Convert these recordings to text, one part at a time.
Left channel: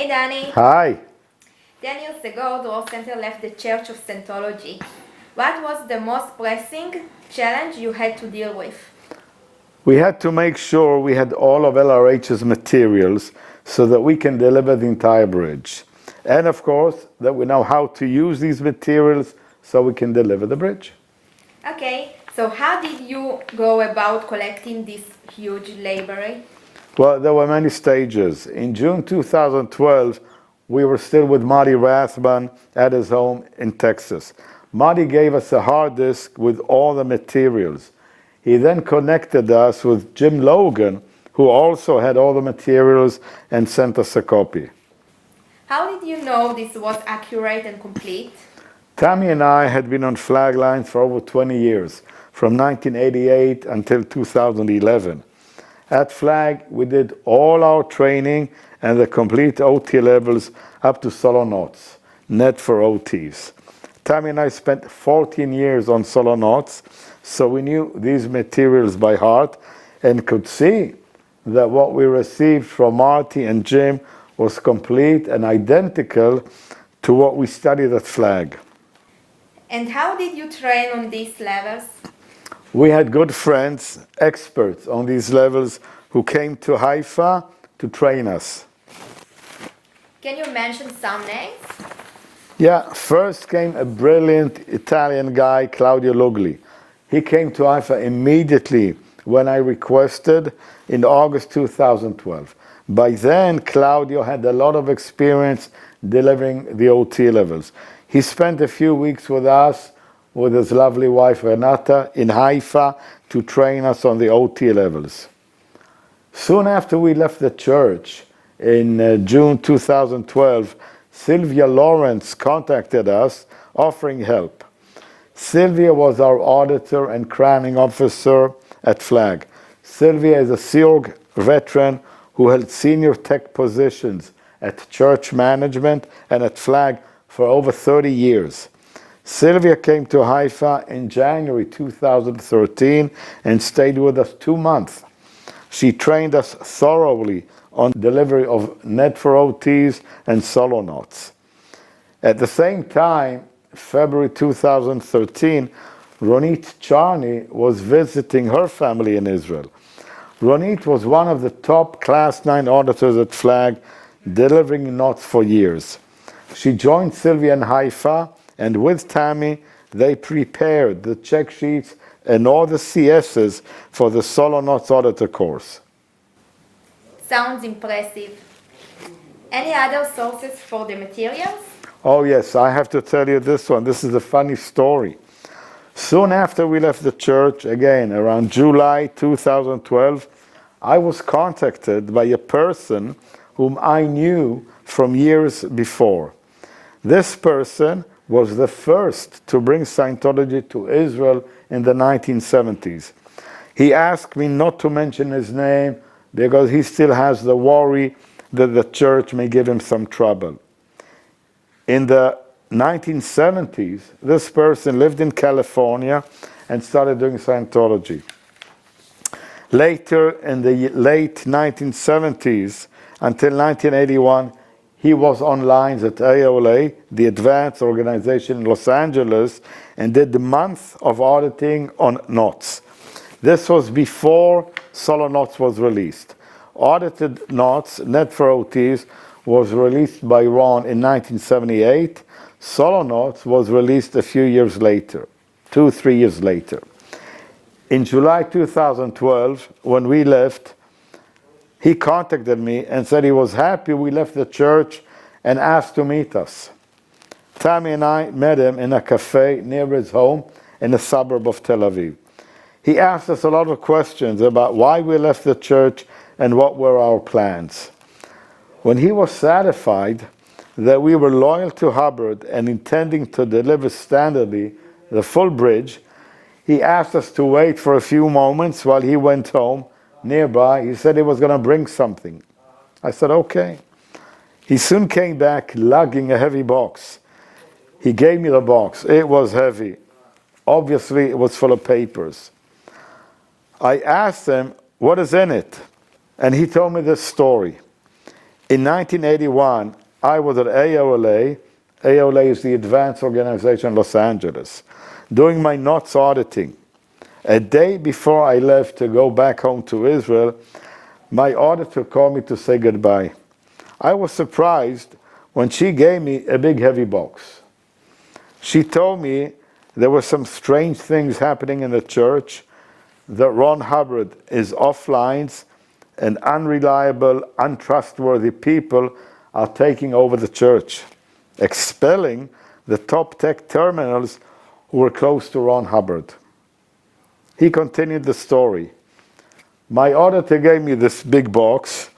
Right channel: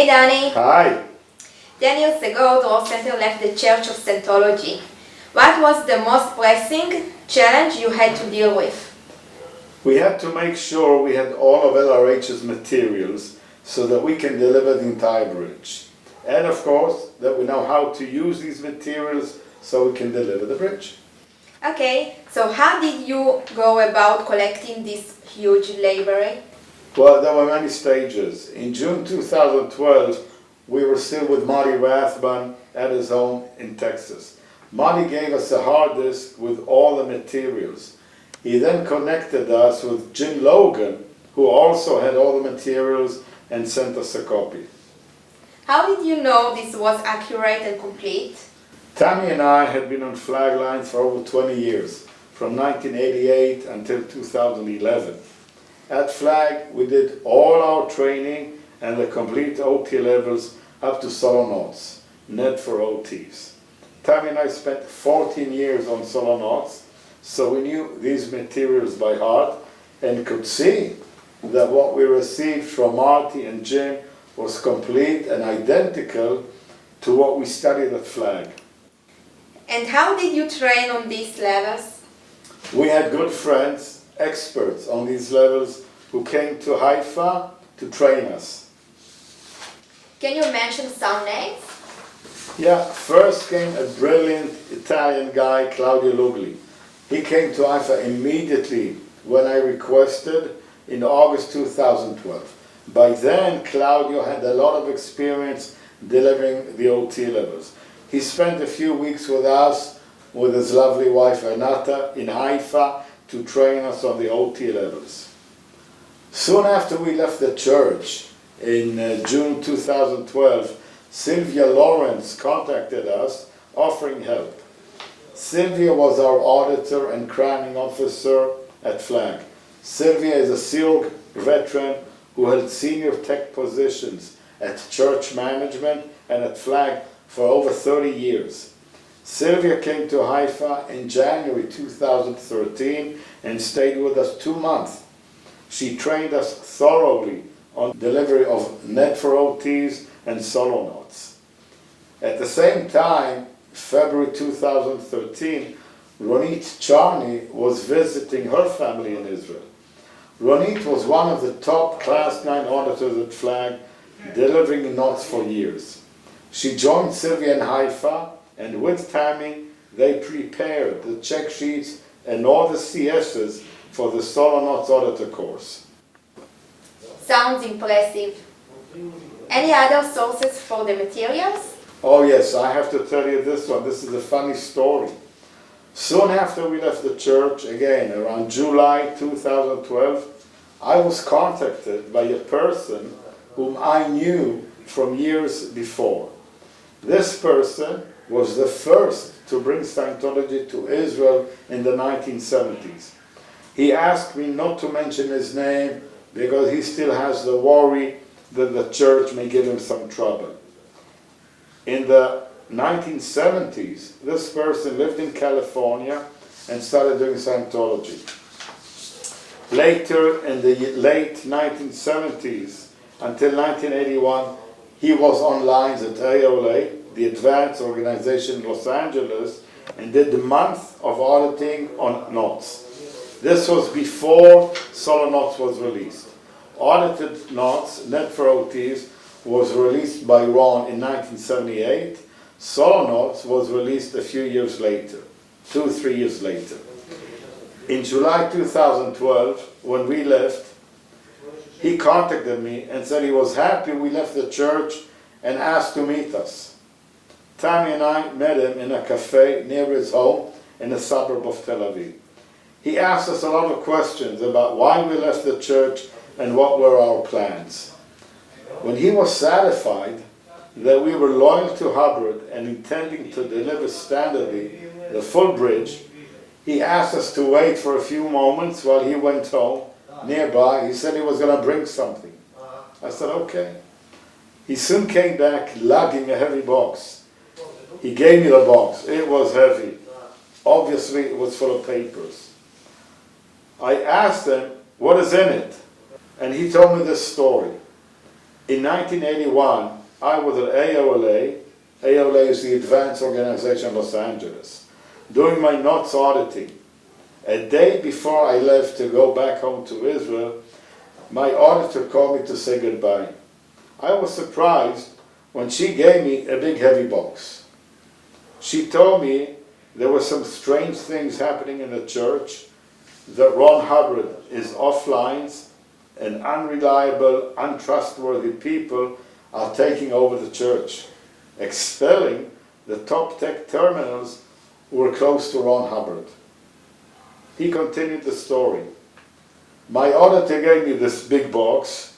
Hey Danny. Hi. 10 years ago, Dror Center left the Church of Scientology. What was the most pressing challenge you had to deal with? We had to make sure we had all of LRH's materials so that we can deliver the entire bridge. And of course, that we know how to use these materials so we can deliver the bridge. Okay, so how did you go about collecting this huge library? Well, there were many stages. In June 2012, we were still with Marty Rathbun at his home in Texas. Marty gave us a hard disk with all the materials. He then connected us with Jim Logan, who also had all the materials and sent us a copy. How did you know this was accurate and complete? Tammy and I had been on flag lines for over 20 years, from 1988 until 2011. At Flag, we did all our training and the complete OT levels up to solo knots, net for OTs. Tammy and I spent 14 years on solo knots, so we knew these materials by heart and could see that what we received from Marty and Jim was complete and identical to what we studied at Flag. And how did you train on these levels? We had good friends, experts on these levels, who came to Haifa to train us. Can you mention some names? Yeah, first came a brilliant Italian guy, Claudio Lugli. He came to Haifa immediately when I requested in August 2012. By then, Claudio had a lot of experience delivering the OT levels. He spent a few weeks with us, with his lovely wife Renata, in Haifa to train us on the OT levels. Soon after we left the church, in June 2012, Sylvia Lawrence contacted us, offering help. Sylvia was our auditor and crowning officer at Flag. Sylvia is a SEAL veteran who held senior tech positions at church management and at Flag for over 30 years. Sylvia came to Haifa in January 2013 and stayed with us 2 months. She trained us thoroughly on delivery of net for OTs and solo knots. At the same time, February 2013, Ronit Charney was visiting her family in Israel. Ronit was one of the top Class 9 auditors at Flag, delivering knots for years. She joined Sylvia in Haifa, and with Tammy, they prepared the check sheets and all the CSs for the solo knots auditor course. Sounds impressive. Any other sources for the materials? Oh yes, I have to tell you this one. This is a funny story. Soon after we left the church, again around July 2012, I was contacted by a person whom I knew from years before. This person was the first to bring Scientology to Israel in the 1970s. He asked me not to mention his name because he still has the worry that the church may give him some trouble. In the 1970s, this person lived in California and started doing Scientology. Later, in the late 1970s, until 1981, he was on lines at AOLA, the Advanced Organization in Los Angeles, and did a month of auditing on knots. This was before solo knots was released. Audited knots, net for OTs, was released by Ron in 1978. Solo knots was released a few years later, 2-3 years later. In July 2012, when we left, he contacted me and said he was happy we left the church and asked to meet us. Tammy and I met him in a cafe near his home in a suburb of Tel Aviv. He asked us a lot of questions about why we left the church and what were our plans. When he was satisfied that we were loyal to Hubbard and intending to deliver standardly the full bridge, he asked us to wait for a few moments while he went home nearby. He said he was going to bring something. I said, okay. He soon came back lugging a heavy box. He gave me the box. It was heavy. Obviously, it was full of papers. I asked him, what is in it? And he told me this story. In 1981, I was at AOLA. AOLA is the Advanced Organization in Los Angeles, doing my NOTS auditing. A day before I left to go back home to Israel, my auditor called me to say goodbye. I was surprised when she gave me a big heavy box. She told me there were some strange things happening in the church, that Ron Hubbard is off lines, and unreliable, untrustworthy people are taking over the church, expelling the top tech terminals who were close to Ron Hubbard. He continued the story. My auditor gave me this big box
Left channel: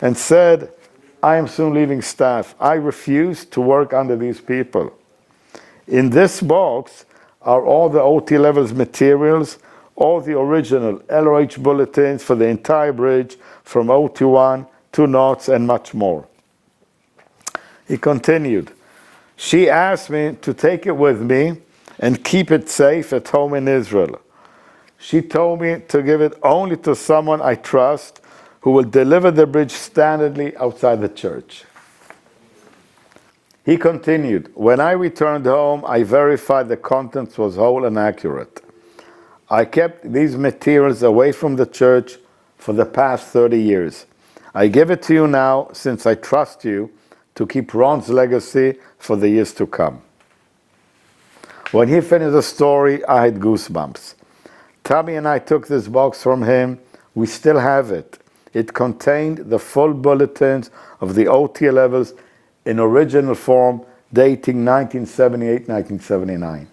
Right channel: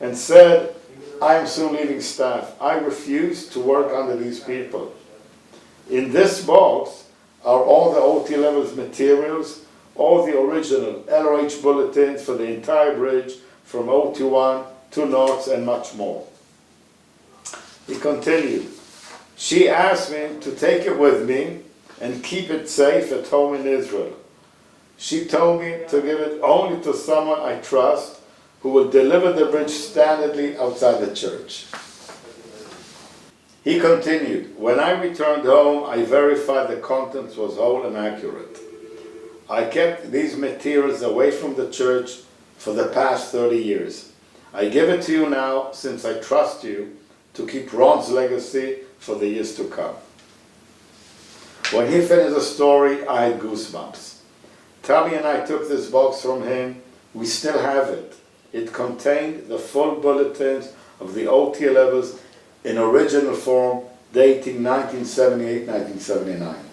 and said, I am soon leaving staff. I refuse to work under these people. In this box are all the OT levels materials, all the original LRH bulletins for the entire bridge, from OT1 to NOTS and much more. He continued. She asked me to take it with me and keep it safe at home in Israel. She told me to give it only to someone I trust who will deliver the bridge standardly outside the church. He continued, when I returned home, I verified the contents was whole and accurate. I kept these materials away from the church for the past 30 years. I give it to you now since I trust you to keep Ron's legacy for the years to come. When he finished the story, I had goosebumps. Tavi and I took this box from him. We still have it. It contained the full bulletins of the OT levels in original form, dating 1978-1979.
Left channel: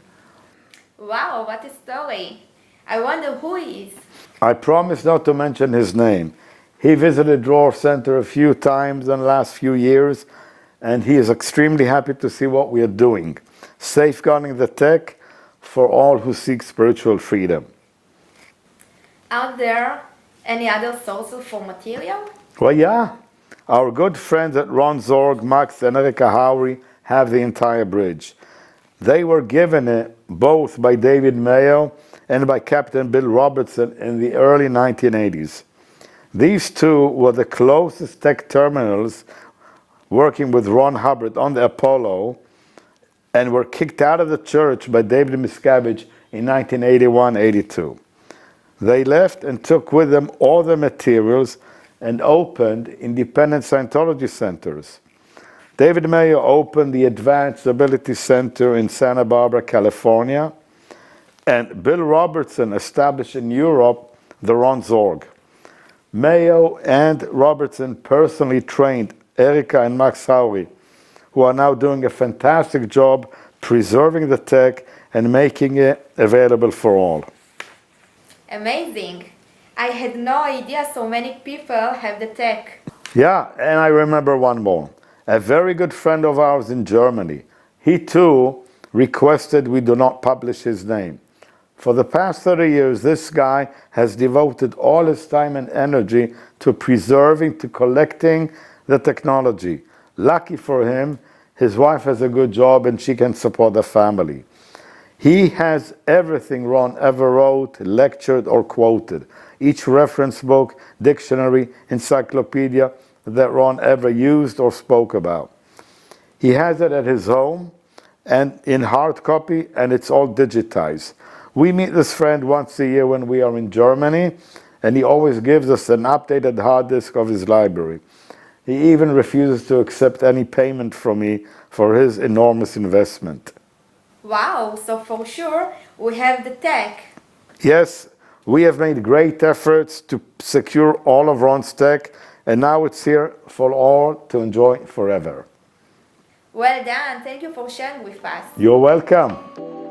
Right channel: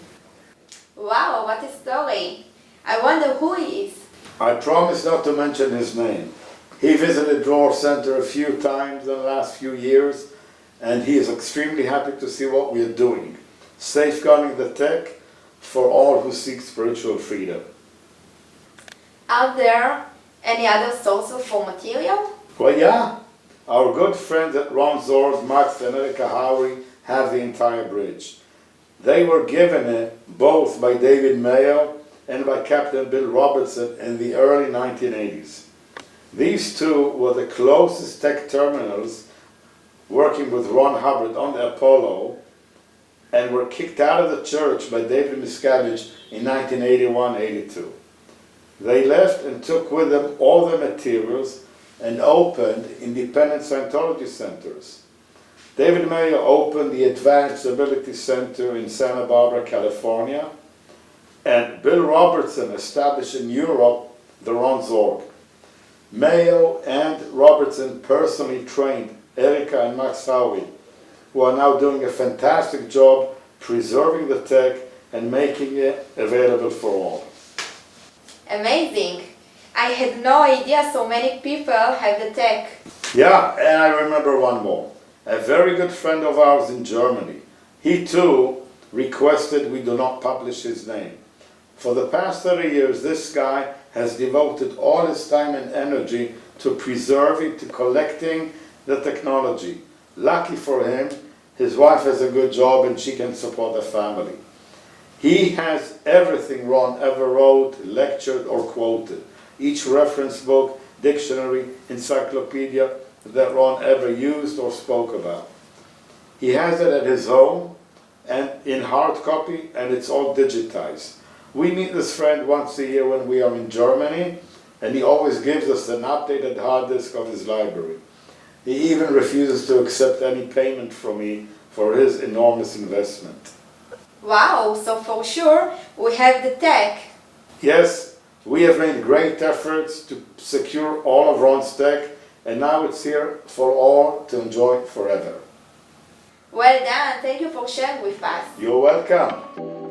Wow, what a story. I wonder who he is. I promise not to mention his name. He visited Dror Center a few times in the last few years, and he is extremely happy to see what we are doing, safeguarding the tech for all who seek spiritual freedom. Are there any other sources for material? Well, yeah. Our good friends at Ron Zorg, Max and Erika Howry have the entire bridge. They were given it both by David Mayo and by Captain Bill Robertson in the early 1980s. These two were the closest tech terminals working with Ron Hubbard on the Apollo, and were kicked out of the church by David Miscavige in 1981-82. They left and took with them all the materials and opened independent Scientology centers. David Mayo opened the Advanced Ability Center in Santa Barbara, California, and Bill Robertson established in Europe the Ron Zorg. Mayo and Robertson personally trained Erika and Max Howie, who are now doing a fantastic job preserving the tech and making it available for all. Amazing. I had no idea so many people have the tech. Yeah, and I remember one more. A very good friend of ours in Germany. He too requested we do not publish his name. For the past 30 years, this guy has devoted all his time and energy to preserving, to collecting the technology. Lucky for him, his wife has a good job and she can support the family. He has everything Ron ever wrote, lectured, or quoted. Each reference book, dictionary, encyclopedia that Ron ever used or spoke about. He has it at his home and in hard copy, and it's all digitized. We meet this friend once a year when we are in Germany, and he always gives us an updated hard disk of his library. He even refuses to accept any payment from me for his enormous investment. Wow, so for sure we have the tech. Yes, we have made great efforts to secure all of Ron's tech, and now it's here for all to enjoy forever. Well done, thank you for sharing with us. You're welcome.